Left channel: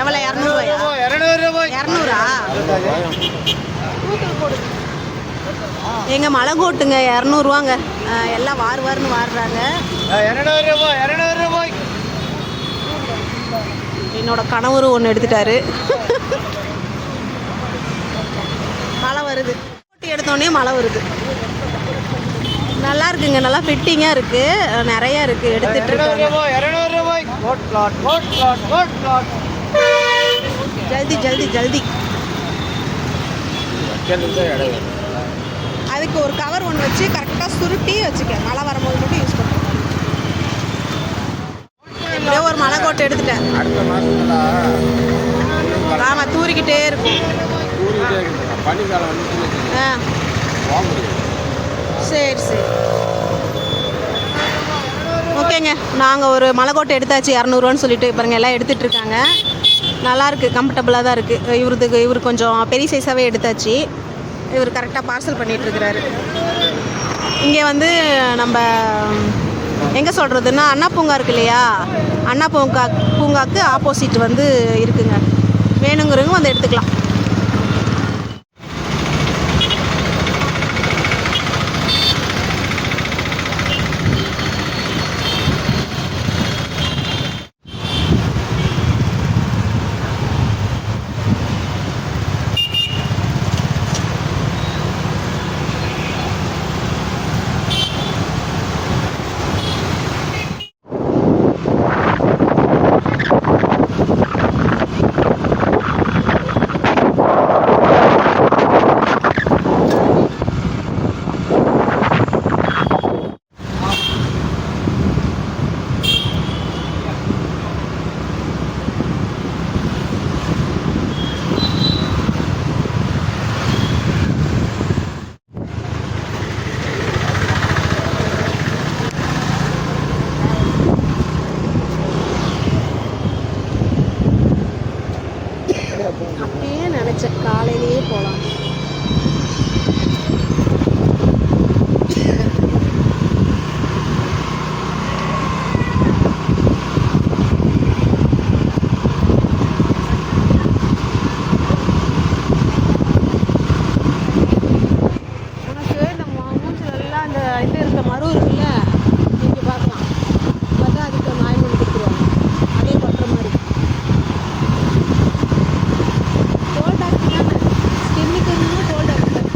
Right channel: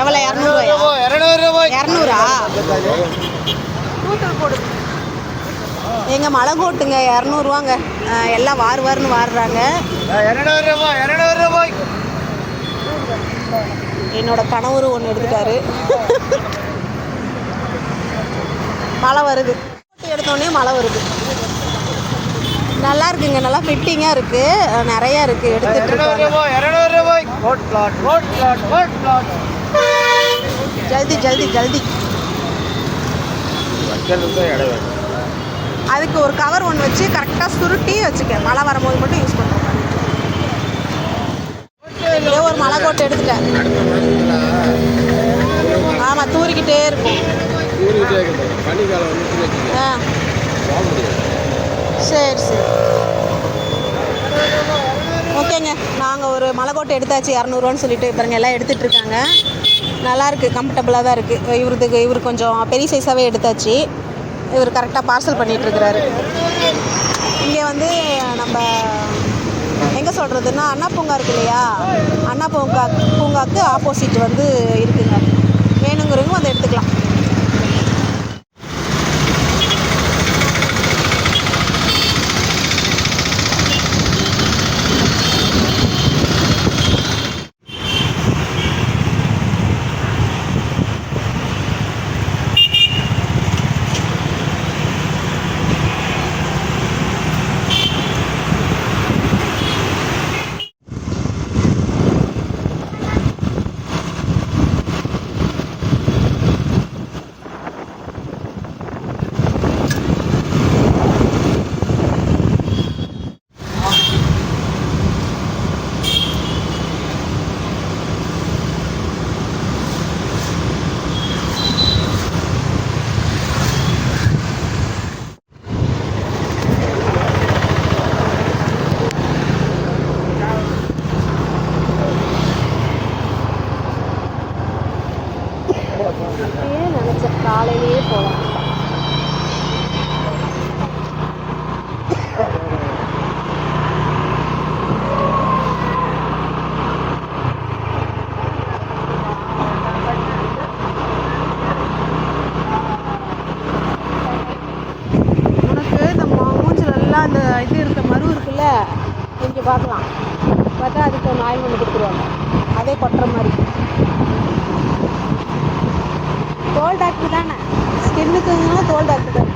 எவ்வளோ? 200 200 போடு. எங்க மலை கோட்டுங்க 200ரூவாங்க. எல்லாம் வாருன்னு வாடுறாங்க. 200 ரூபாய். என்னோட கணவரு ஒன்று எடுத்துட்டாரு. மழை வருது. எடுத்தோடனே மழை வருது. நல்லா இருக்குங்க, நல்லா ஃபிட்டிங்காக இருக்கு, நிறையா இருக்கு. எடுத்துட்டு 200 ரூபாய். ஜல்தி ஜல்தி ஜல்தி. அதுக்கு ஒரு கவர் ஒன்று வச்சு கரெக்டாக சுருட்டி வச்சுக்க. மழை வரும்போது மட்டும் யூஸ் பண்ணுறேன். இதே ஒரு மலை கோட்டை எடுத்துட்டேன். ஆமாம், தூரிக்கிட்டே இருக்கும். சரி சரி ஓகேங்க. நாங்கள் ஒரு மலைக்கோட்டை எடுத்தாச்சு 200ரூவான்னு சொல்லிட்டு. பாருங்க எல்லாம் எடுத்துகிட்டு இருக்காங்க. நல்லாயிருக்கு, கம்ஃபர்டபுளாக தான் இருக்குது. இவர் கொஞ்சம் பெரிய சைஸாகவே எடுத்தாச்சு. இவர் கரெக்டாக பார்சல் பண்ணிகிட்ருக்கிறாரு. இங்கே வந்து நம்ம எங்கே சொல்கிறதுன்னா, அண்ணா பூங்கா இருக்கு இல்லையா, அண்ணா பூங்காவுக்கு ஆப்போசிட் வந்து இருக்குங்க. வேணுங்கிறவங்க வந்து எடுத்துக்கலாம். நினச்சேன் காலையிலேயே போகலாம். உனக்கு இந்த மூஞ்சிலெல்லாம் அந்த இது இருக்க மறு இருக்குல்ல, இங்கே பார்க்கலாம். பார்த்தா அதுக்கு ஒரு ஆயில் ஒன்று கொடுத்துருவாங்க, அதே கொட்டுற மாதிரி. தோல் டாக்டர் தானே, ஸ்கின்னுக்குன்னா தோல் டாக்டர் தானே.